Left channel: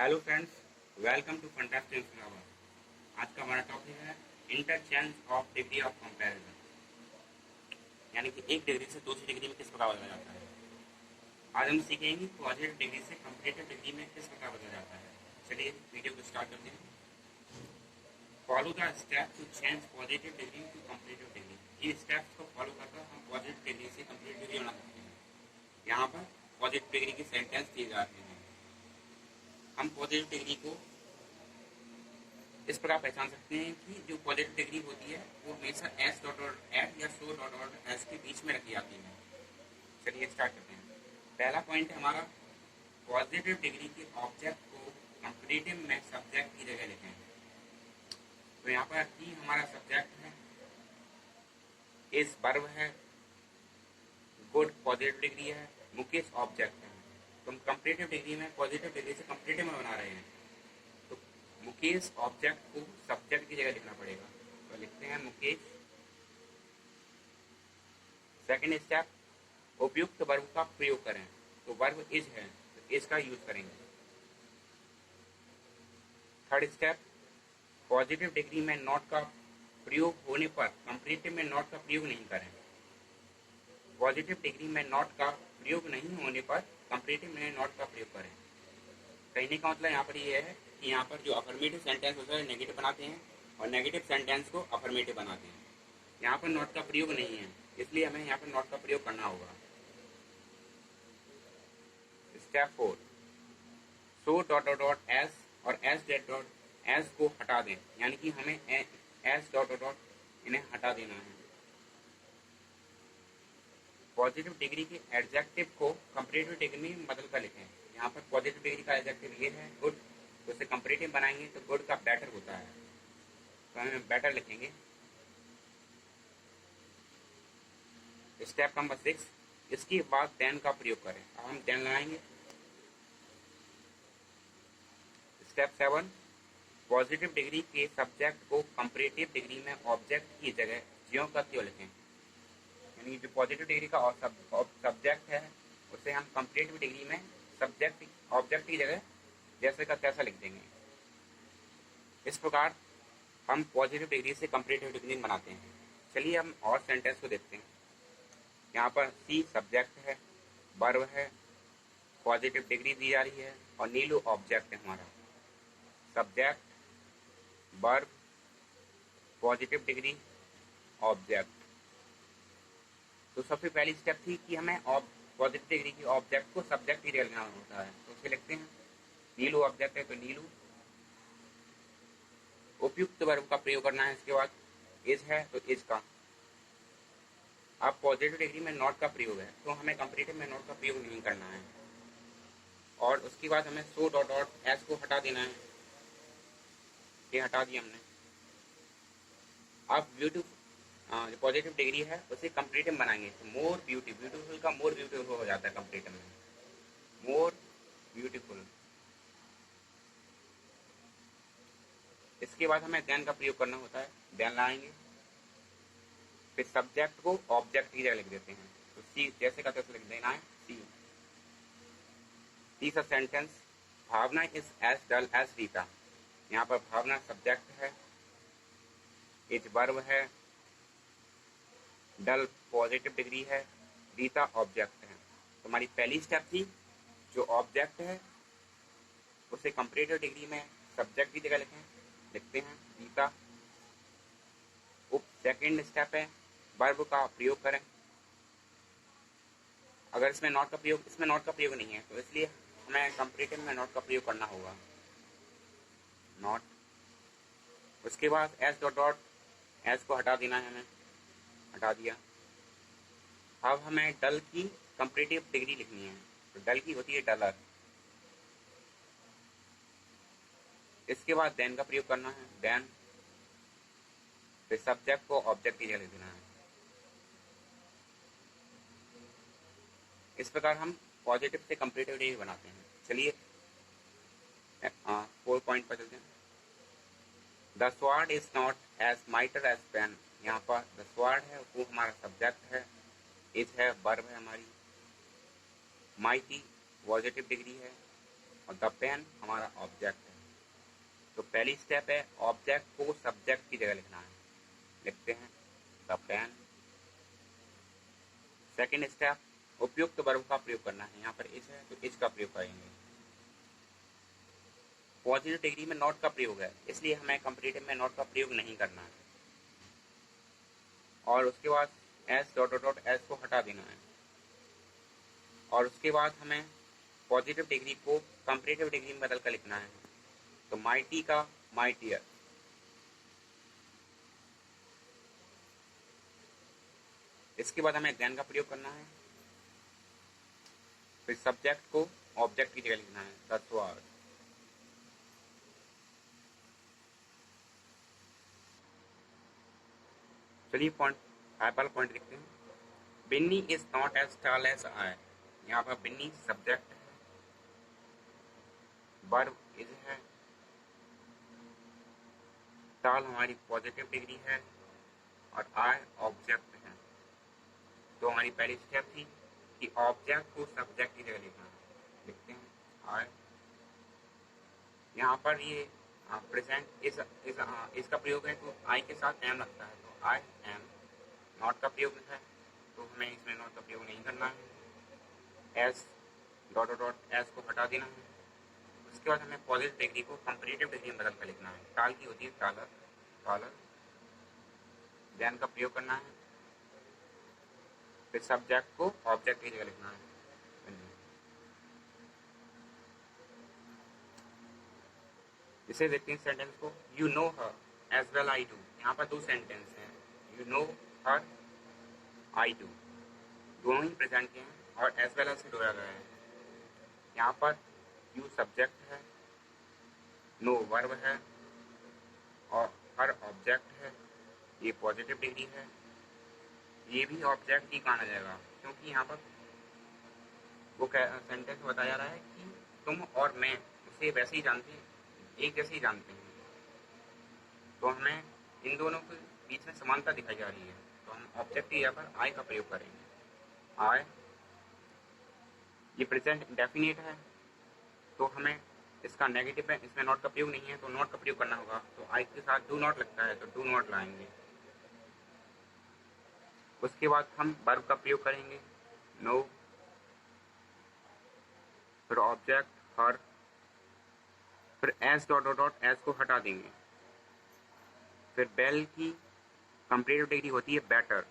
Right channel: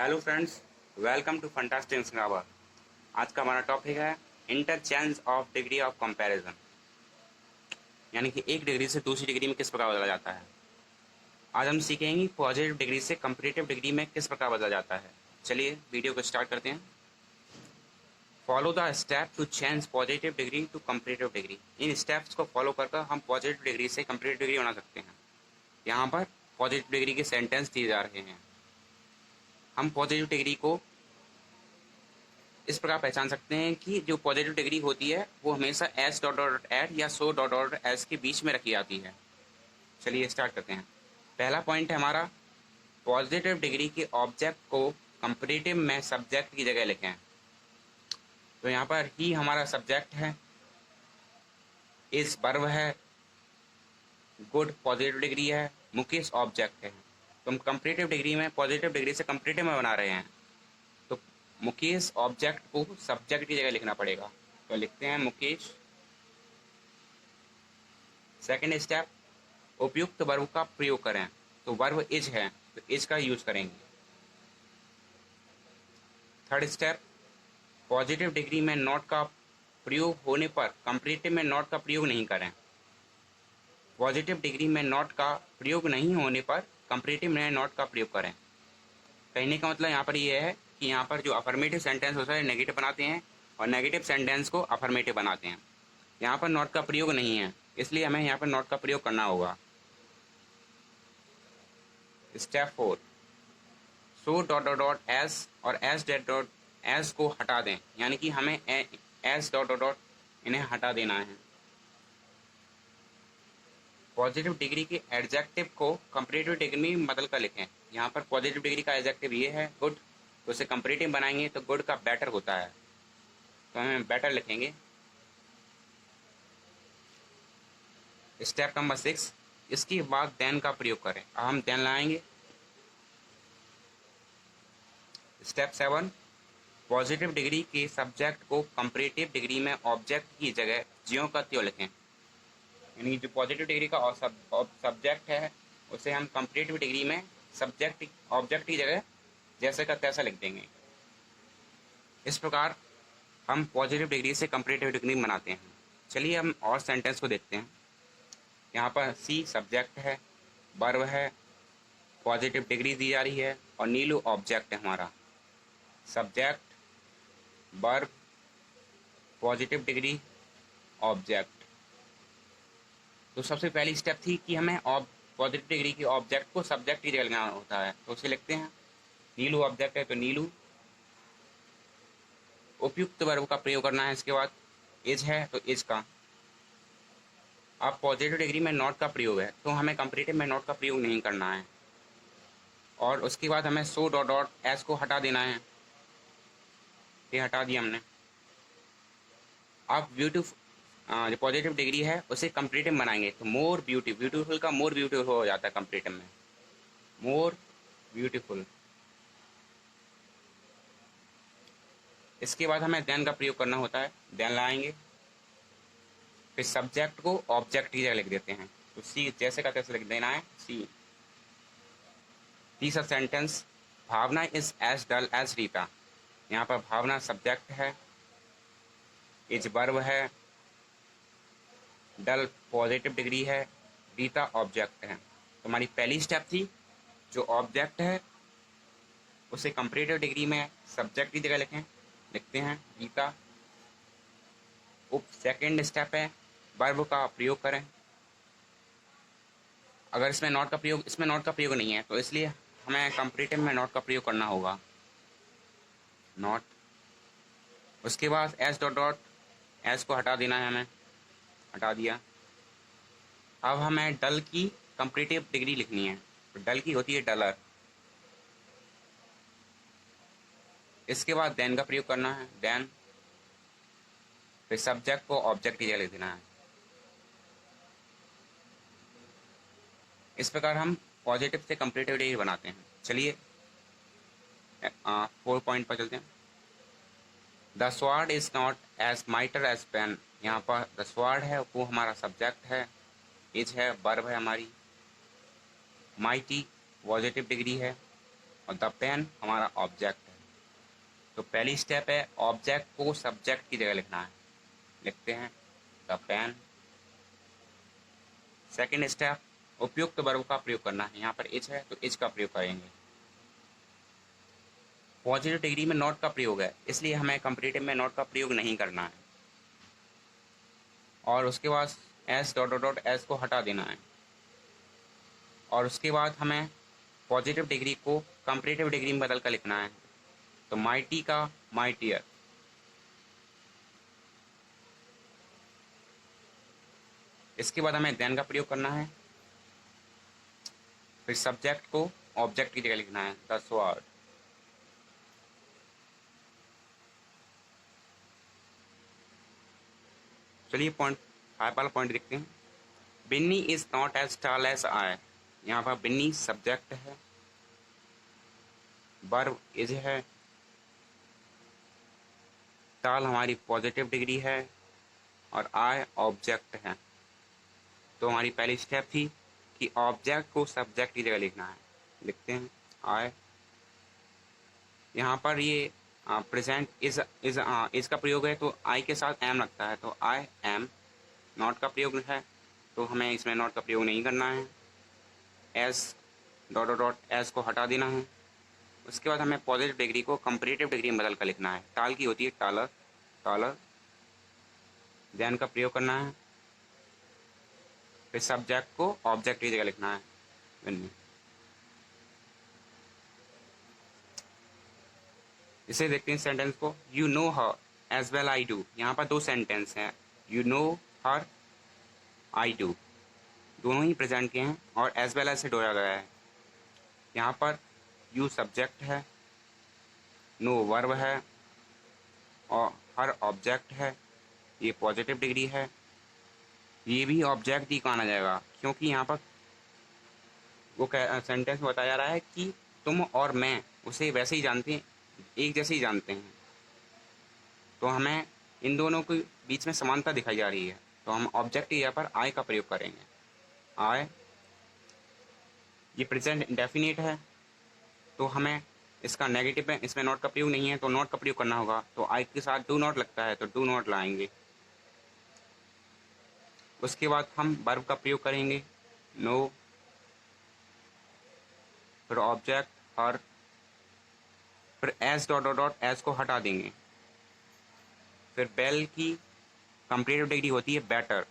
Hello friends, welcome to fantastic सिंगावर। आज का हमारा टॉपिक है interchange of degree of comparison, यानी कि एक डिग्री से दूसरी डिग्री में किस प्रकार बदला जाता है। आज हम सीखेंगे पॉजिटिव डिग्री से कंपैरेटिव डिग्री में किस प्रकार बदला जाता है। चलिए वीडियो को स्टार्ट करते हैं। Follow the step to change positive degree to comparative degree. इन स्टेप्स को फॉलो कर हम पॉजिटिव डिग्री से कंपैरेटिव डिग्री बना सकते हैं। यहाँ पर पॉजिटिव डिग्री के सेंटेंस दिए जा रहे हैं। हम पॉजिटिव डिग्री को इस प्रकार पहचान सकते हैं कि जो पॉजिटिव डिग्री होती है वो हमेशा एस डॉट डॉट एड या सो डॉट डॉट एस के बीच में रखी जाती है। चलिए स्टार्ट करते हैं। पहला पॉइंट है हमारा, पॉजिटिव डिग्री के ऑब्जेक्ट को कंपैरेटिव में सब्जेक्ट की जगह लिखें। तो यहाँ पर ही हमारा सब्जेक्ट है, इस वर्ब है, गुड पॉजिटिव डिग्री है, मुकेश ऑब्जेक्ट है। तो हम कंपैरेटिव डिग्री में पॉजिटिव डिग्री से कंपैरेटिव में बना रहे हैं, तो मुकेश ऑब्जेक्ट को सब्जेक्ट की जगह लिखना पड़ेगा। तो लिखते हैं मुकेश। सेकंड स्टेप, उपयुक्त वर्ब का प्रयोग करें। तो वर्ब इज है तो इज का यूज करेंगे। थर्ड स्टेप, पॉजिटिव डिग्री में नॉट का प्रयोग होने पर कंपैरेटिव में नॉट का प्रयोग नहीं करें। पॉजिटिव डिग्री में नॉट का प्रयोग नहीं होने पर कंपैरेटिव में नॉट का प्रयोग करें। कहने का मतलब यहाँ पर ये है कि यहाँ पर जो अफर्मेटिव सेंटेंस होता है नेगेटिव बनाते हैं और नेगेटिव सेंटेंस को अफर्मेटिव बनाते हैं। यहाँ पर नॉट का प्रयोग नहीं है, इसलिए हमें यहाँ पर नॉट का प्रयोग करना होगा। Step 4, so dot dot dot S और एस डॉट डॉट एस को हटा दें, यानी कि हमें एस डॉट डॉट डॉट इन्हें हटा देना है। पॉजिटिव डिग्री के एडजेक्टिव को कंपैरेटिव डिग्री में बदल कर लिखें। यहाँ पर पॉजिटिव डिग्री का एडजेक्टिव ये है गुड, तो उसे कंपैरेटिव बनाएंगे तो गुड का बेटर होता है, तो हमें बेटर लिखेंगे। स्टेप नंबर 6, इसके बाद देन का प्रयोग करें। अब हम देन लगाएंगे। स्टेप 7, पॉजिटिव डिग्री के सब्जेक्ट को कंपैरेटिव डिग्री में ऑब्जेक्ट की जगह ज्यों का त्यों लिखें। यानी जो पॉजिटिव डिग्री का सब्जेक्ट है उसे हम कंपैरेटिव डिग्री में सब्जेक्ट ऑब्जेक्ट की जगह जैसे का तैसा लिख देंगे। इस प्रकार हम पॉजिटिव डिग्री से कंपैरेटिव डिग्री बनाते हैं। चलिए हम और सेंटेंस को देखते हैं। यहाँ पर सी सब्जेक्ट है, वर्ब है, पॉजिटिव डिग्री दी जा रही है और नीलू ऑब्जेक्ट है हमारा। Subject, verb, positive degree, object. तो सबसे पहली स्टेप थी कि हमें पॉजिटिव डिग्री की ऑब्जेक्ट को सब्जेक्ट की जगह लगाना होता है, तो उसे लिखते हैं। नीलू ऑब्जेक्ट है तो नीलू। उपयुक्त वर्ब का प्रयोग करना है। इसके बाद इज है तो इज का। अब पॉजिटिव डिग्री में नॉट का प्रयोग है तो हमें कंपैरेटिव में नॉट का प्रयोग नहीं करना है। और उसके बाद हमें सो डॉट डॉट एस को हटा देना है। ये हटा दिया हमने। अब जो पॉजिटिव डिग्री है उसे कंपैरेटिव बनाएंगे तो मोर ब्यूटीफुल का मोर ब्यूटीफुल हो जाता है कंपैरेटिव में, मोर ब्यूटीफुल। इसके बाद हमें देन का प्रयोग करना होता है। देन लाएंगे, फिर सब्जेक्ट को ऑब्जेक्ट की जगह लिख देते हैं, तो सी जैसे का तैसे लिख देना है सी। तीसरा sentence, Bhavna is as dull as Rita. यहाँ पर भावना सब्जेक्ट है, इज वर्ब है, डल पॉजिटिव डिग्री है, रीता ऑब्जेक्ट है। तो हमारी पहली स्टेप थी, जो ऑब्जेक्ट है उसे कंपैरेटिव डिग्री में सब्जेक्ट की जगह लिखते हैं रीता। सेकेंड स्टेप है वर्ब का प्रयोग करें। अगर इसमें नॉट का प्रयोग नहीं है तो इसलिए हमें कंपैरेटिव में नॉट का प्रयोग करना होगा, नॉट। उसके बाद एस डॉट डॉट एस को हटा देना है, हमें हटा दिया। अब हमें डल की कंपैरेटिव डिग्री लिखनी है, तो डल की होती है डलर। इसके बाद देन का प्रयोग करना है, देन। फिर सब्जेक्ट को ऑब्जेक्ट की जगह लिख देना है। इस प्रकार हम पॉजिटिव से कंपैरेटिव डिग्री बनाते हैं। चलिए 4 पॉइंट पर चलते हैं। The sword is not as mightier as pen. यहाँ पर द स्वॉर्ड है वो हमारा सब्जेक्ट है, इज है वर्ब है हमारी, माइटी पॉजिटिव डिग्री है और द पेन हमारा ऑब्जेक्ट है। तो पहली स्टेप है ऑब्जेक्ट को सब्जेक्ट की जगह लिखना है, लिखते हैं द पेन। सेकेंड स्टेप उपयुक्त वर्ब का प्रयोग करना है, यहाँ पर इज है तो इज का प्रयोग करेंगे। पॉजिटिव डिग्री में नॉट का प्रयोग है, इसलिए हमें कंपैरेटिव में नॉट का प्रयोग नहीं करना है। और उसके बाद S dot dot dot S को हटा देना है। और उसके बाद हमें पॉजिटिव डिग्री को कंपैरेटिव डिग्री में बदल कर लिखना है, तो माइटी का माइटियर। इसके बाद हमें देन का प्रयोग करना है, फिर सब्जेक्ट को ऑब्जेक्ट की जगह लिखना है, द स्वॉर्ड। चलिए पॉइंट 5 वाला पॉइंट देखते हैं। Binny is not as tall as I. यहाँ पर बिन्नी सब्जेक्ट है, वर्ब इज है, टॉल हमारी पॉजिटिव डिग्री है और आई ऑब्जेक्ट है। तो हमारी पहली स्टेप थी कि ऑब्जेक्ट को सब्जेक्ट की जगह लिखना है, लिखते हैं आई। यहाँ पर ये प्रेजेंट इज का प्रयोग है तो आई के साथ एम लगता है, तो आई एम। नॉट का प्रयोग है तो हमें इसमें नॉट का प्रयोग नहीं करना है। S dot dot dot S को हटा देना है। उसके बाद हमें पॉजिटिव डिग्री को कंपैरेटिव डिग्री में बदल कर लिखना है, टाल की होती है टालर, टॉलर। देन का प्रयोग करना है, फिर सब्जेक्ट को ऑब्जेक्ट की जगह लिखना है, बिन्नी। इसे देखते हैं सेंटेंस को। You know her as well I do. यहाँ पर दो सेंटेंस हैं, you know her, I do, दोनों ही प्रेजेंट के हैं और एज वेल एज से जोड़ा गया है। यहाँ पर यू सब्जेक्ट है, नो वर्ब है और हर ऑब्जेक्ट है। ये पॉजिटिव डिग्री है, ये भी ऑब्जेक्ट ही माना जाएगा क्योंकि यहाँ पर वो सेंटेंस में बताया जा रहा है कि तुम और मैं उसे वैसे ही जानते हैं, एक जैसे ही जानते हैं। तो हमें इन दोनों के बीच में समानता दिखाई जा रही है, तो हम ऑब्जेक्ट की जगह पर आई का प्रयोग करेंगे, आई। ये प्रेजेंट इंडेफिनिट है तो हमें इसका नेगेटिव में इसमें नॉट का प्रयोग नहीं है तो नॉट का प्रयोग करना होगा, तो आई के साथ डू नॉट लगता है तो डू नॉट लाएंगे। उसके बाद हम वर्ब का प्रयोग करेंगे, नो, फिर ऑब्जेक्ट हर, फिर S dot dot dot S को हटा देंगे। फिर बेल की कंपैरेटिव डिग्री होती है बेटर।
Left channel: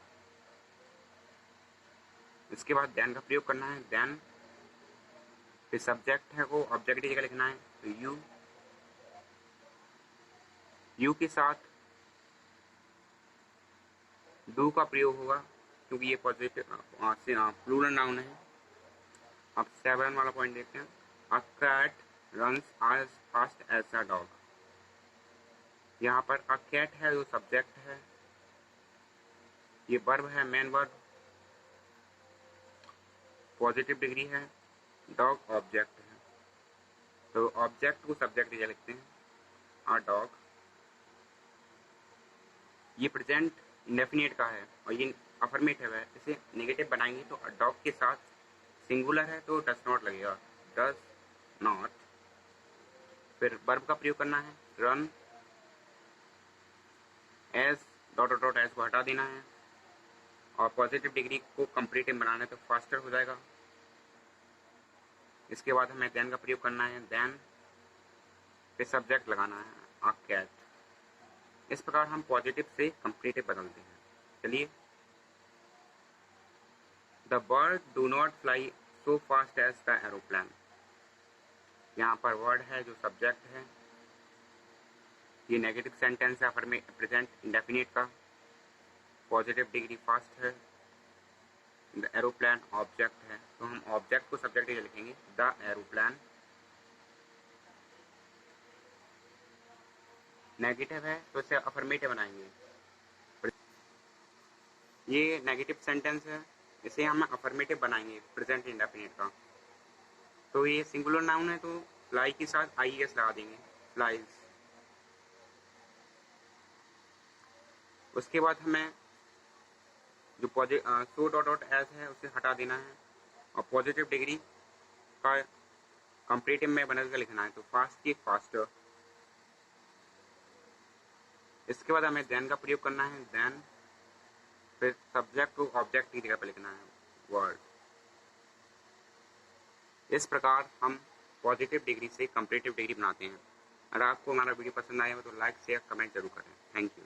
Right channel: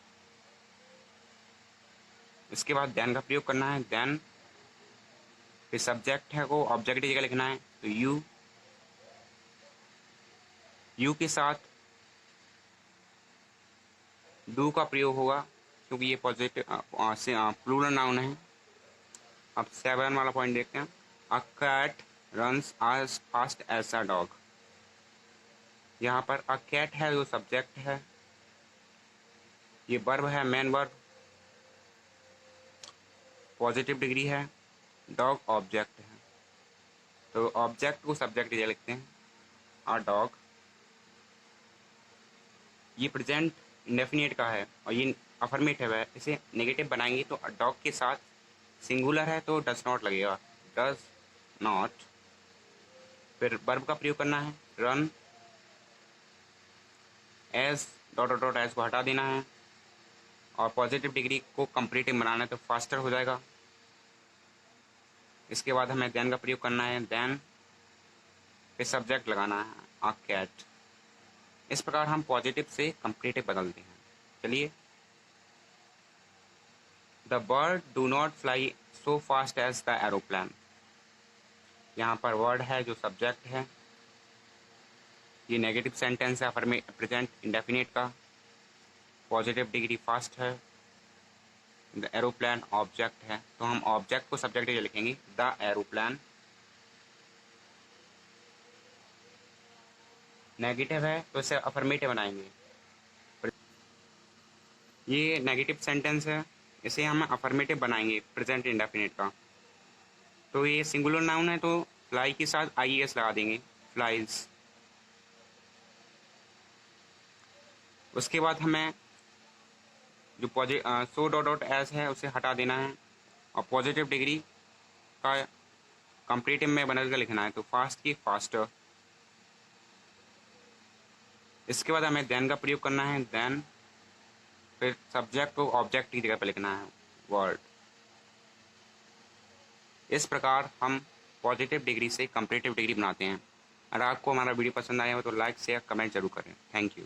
इसके बाद देन का प्रयोग करना है, देन। फिर सब्जेक्ट है को ऑब्जेक्ट की जगह लिखना है, तो यू, यू के साथ डू का प्रयोग होगा क्योंकि ये पॉजिटिव प्लूरल नाउन है। अब 7 वाला पॉइंट देखते हैं। A cat runs as fast as a dog. यहाँ पर अ कैट है जो सब्जेक्ट है, ये वर्ब है, मेन वर्ब, पॉजिटिव डिग्री है, डॉग ऑब्जेक्ट है। तो ऑब्जेक्ट को सब्जेक्ट जगह लिखते हैं, अ डॉग। ये प्रेजेंट इंडेफिनिट का है और ये अफर्मेटिव है, इसे नेगेटिव बनाएंगे तो डॉग के साथ सिंगुलर है तो डज नॉट लगेगा, डज नॉट। फिर वर्ब का प्रयोग करना है, run, S dot dot S को हटा देना है और पॉजिटिव डिग्री को कंपैरेटिव बनाना है तो फास्टर हो जाएगा। इसके बाद हमें देन का प्रयोग करना है, देन, फिर सब्जेक्ट लगाना है, अ कैट। इस प्रकार हम पॉजिटिव से कंपैरेटिव बदलते हैं। चलिए, the bird do not fly so fast as the aeroplane. यहाँ पर वर्ड है जो सब्जेक्ट है, ये नेगेटिव सेंटेंस है प्रेजेंट इंडेफिनिट का, पॉजिटिव डिग्री फास्ट है, द एरोप्लेन ऑब्जेक्ट है तो हम ऑब्जेक्ट को सब्जेक्ट के लिए लिखेंगे, द एरोप्लेन। नेगेटिव है तो इसे अफर्मेटिव बनाएंगे। ये नेगेटिव सेंटेंस है, इसे हम अफर्मेटिव बनाएंगे प्रेजेंट इंडेफिनिट का। तो ये सिंगुलर नाउन है तो फ्लाई के साथ आई एस लगा देंगे, फ्लाइज। उसके बाद हमें जो सो डॉट डॉट एस है उसे हटा देना है और पॉजिटिव डिग्री का कंपेरेटिव में बदल कर लिखना है तो फास्ट की फास्टर। इसके बाद हमें देन का प्रयोग करना है, देन फिर सब्जेक्ट को ऑब्जेक्ट की जगह पर लिखना है, वर्ड। इस प्रकार हम पॉजिटिव डिग्री से कंपेरेटिव डिग्री बनाते हैं। अगर आपको हमारा वीडियो पसंद आया हो तो लाइक शेयर कमेंट जरूर करें। Thank you.